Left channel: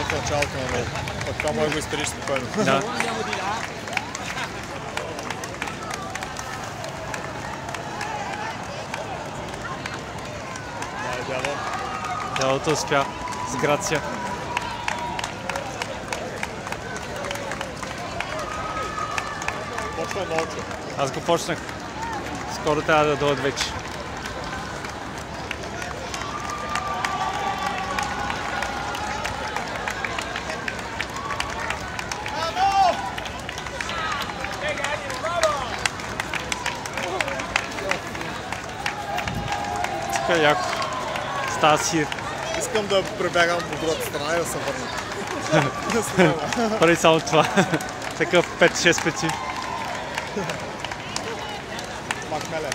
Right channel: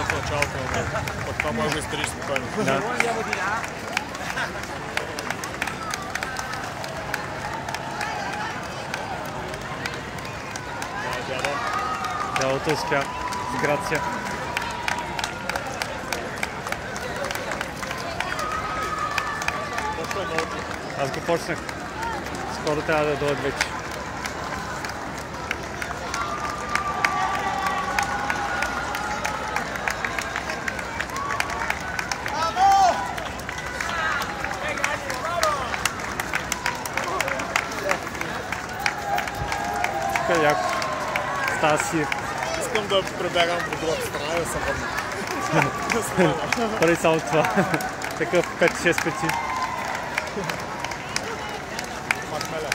в началото на него. Пък това може да изтериш спокойно. Да. Дядото успя с грация. Аз го почнах. Скоро трябва да дойдат вече. Тук е яко. Става си. Искам да пребягам по другата страна и да се върна. Прави само това. Такъв 5-6 пъти. Махмеле.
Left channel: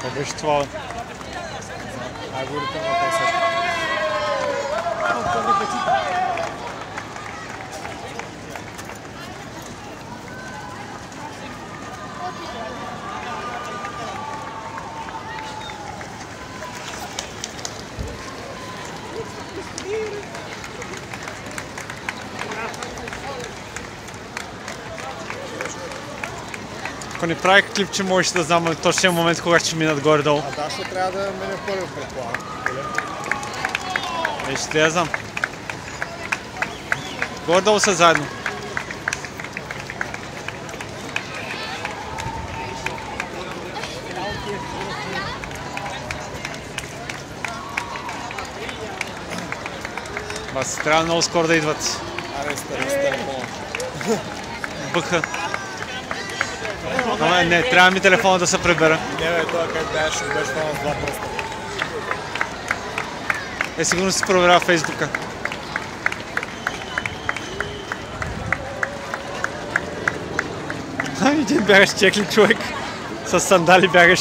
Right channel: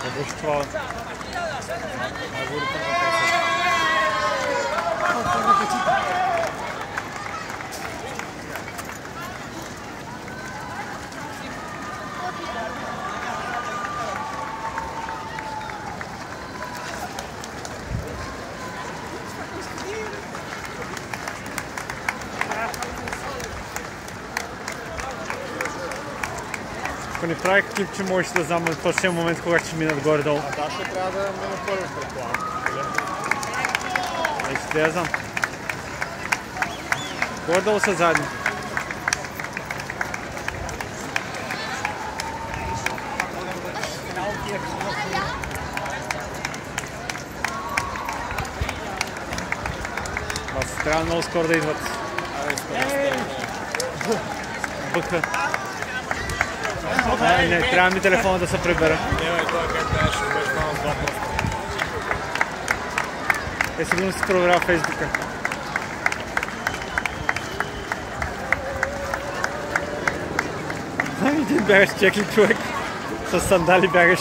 Това беше това. Ако не правих клип, че можеш да знам точния момент, когато ще минат горе-долу. А да, ще трябва да мине първи, предполагам. Ще я знам. Горе-долу са заедно. Бас, трябва много скоро да идват. Бъха. Не, трябва ми телефона да се прибера. Не, бе, това как беше там с два пръста. Сигурно си проверява Фейсбука. Един бягаш чекли човек. С сандали бягаш.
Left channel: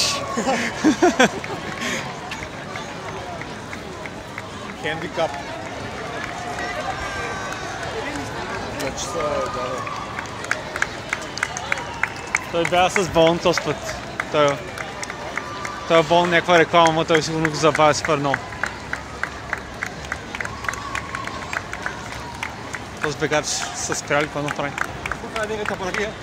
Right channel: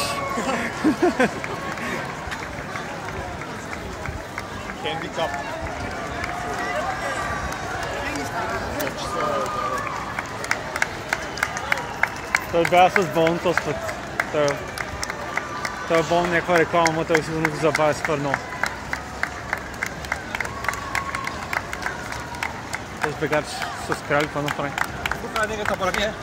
Хендикап. Той бяга с болн този път. Той е болн някаква реклама, но той сигурно го забавя супер много. Този бегач са спряли, какво направи? Тук е негата паракия.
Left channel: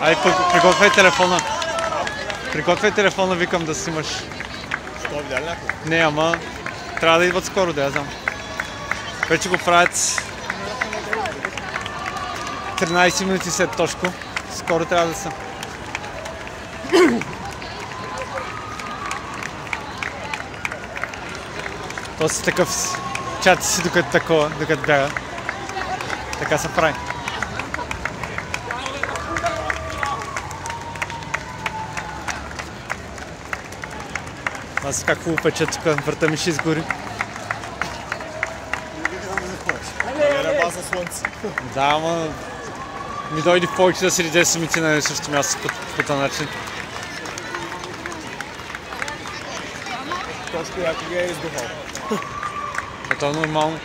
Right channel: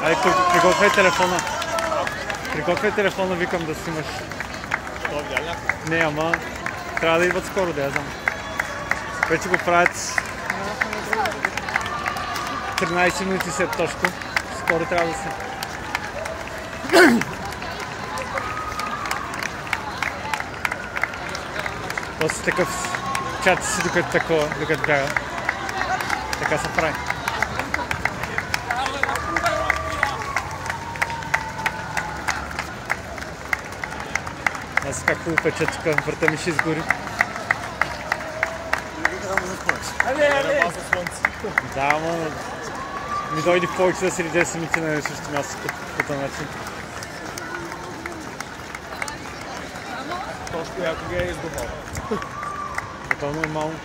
Ай, приготвяй телефона. Приготвяй телефона, викам да снимаш. Що, видя ли някой? Не, ама трябва да идват скоро, да я знам. Вече го правят 13 минути след точко. Скоро трябва да са. После такъв чати си докато бяга. Така се прави. Аз как хубаво пече тук, върта ми ще изгори. Да, ама ми дойде повече да седи 10 минути на същото място по този начин. Точно яко ги е издухал. Това е нормално.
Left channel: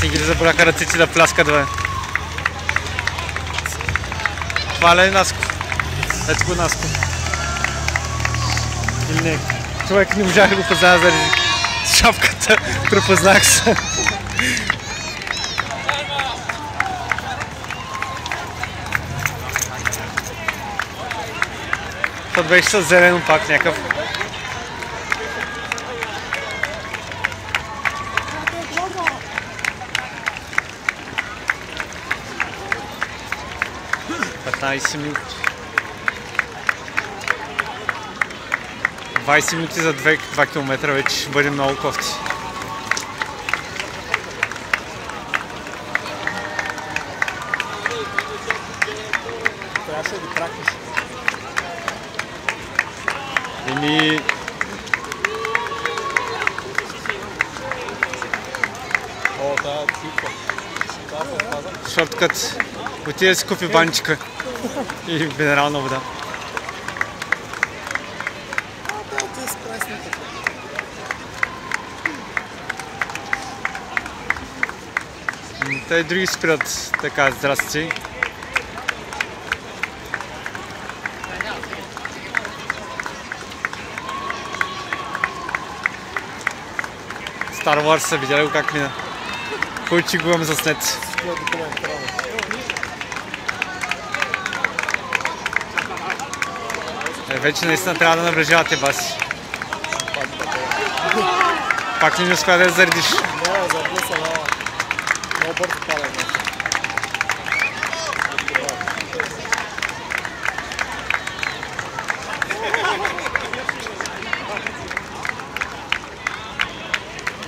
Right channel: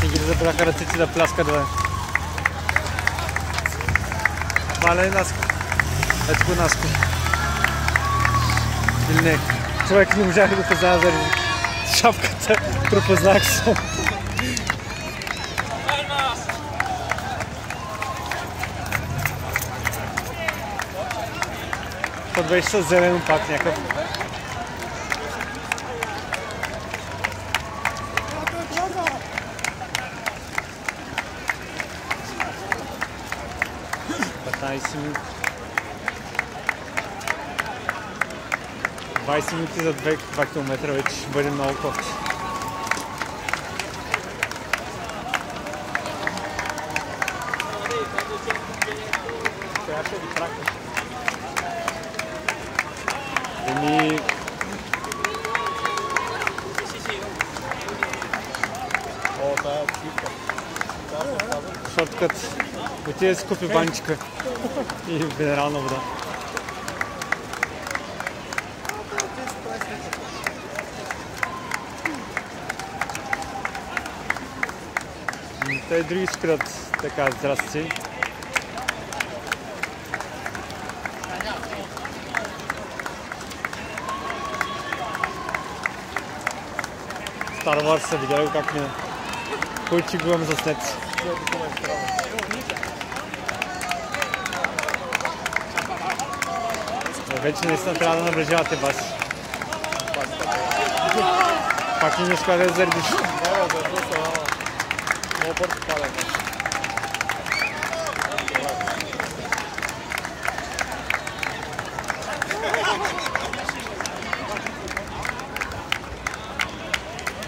Си ги забраха ръците да пляскат, бе. Това ли е Наско? Ето го Наско. Или не? Човек не можах да го позная заради шапката. Препознах се. То беше с зелено пак някакъв. Минути. 20 минути за 2 км вече ще бъде много кофти. Трябваше да ги кракнеш. Еми... О, тая типа. Шорткът. Отиде да си купи банчика и минерална вода. Те и други спират така, здрасти. Star Wars са видяли го как мина. Кой че го имам заснет. Вече наистина трябва да наближавате баси. Пак ли не успя да я заредиш? Не, заради се много бързо падаме.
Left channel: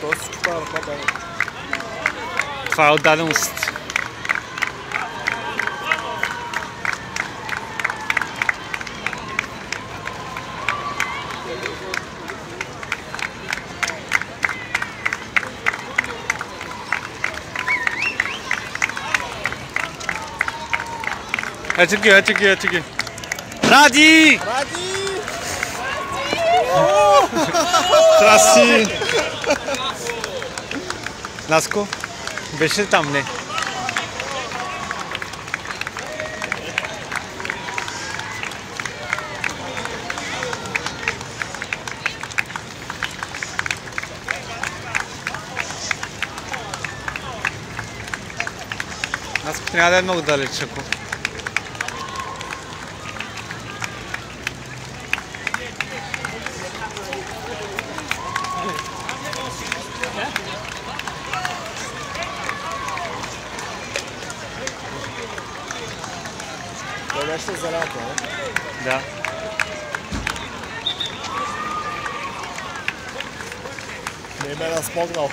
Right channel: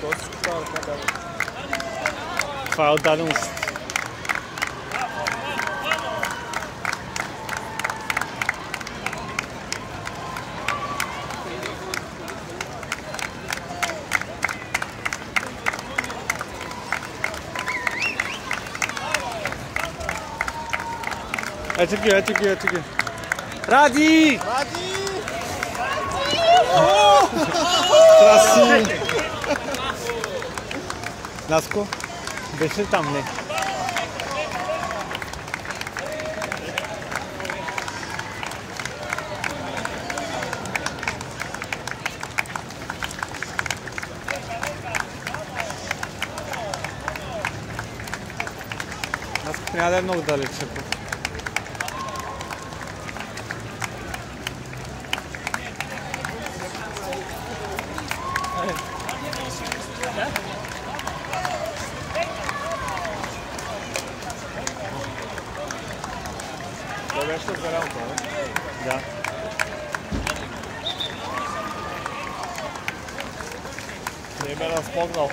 Той всичко това ръка дава. Това е отдаденост. Ето ги. Ради! Ради! Траси! Наско, беше ли там? Не. Наско трябва да е много далеч, ако... Той беше за рампа, не? Да. Не ме разпогнал.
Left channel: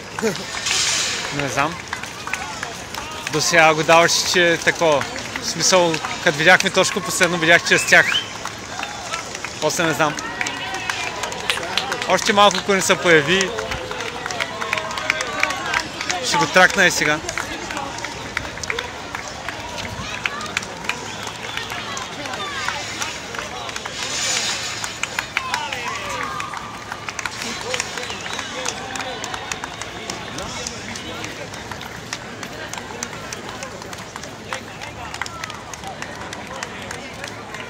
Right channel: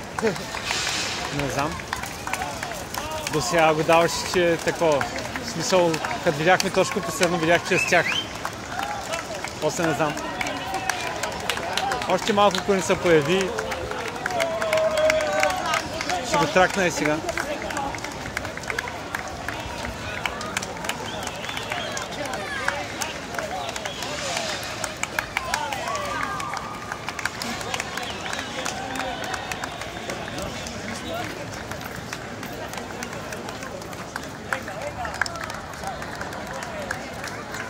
Не знам. До сега го даваше, че е такова. В смисъл, като видяхме точно последно, видях, че е с тях. После не знам. Още малко, ако не се появи, ще го тракна и сега.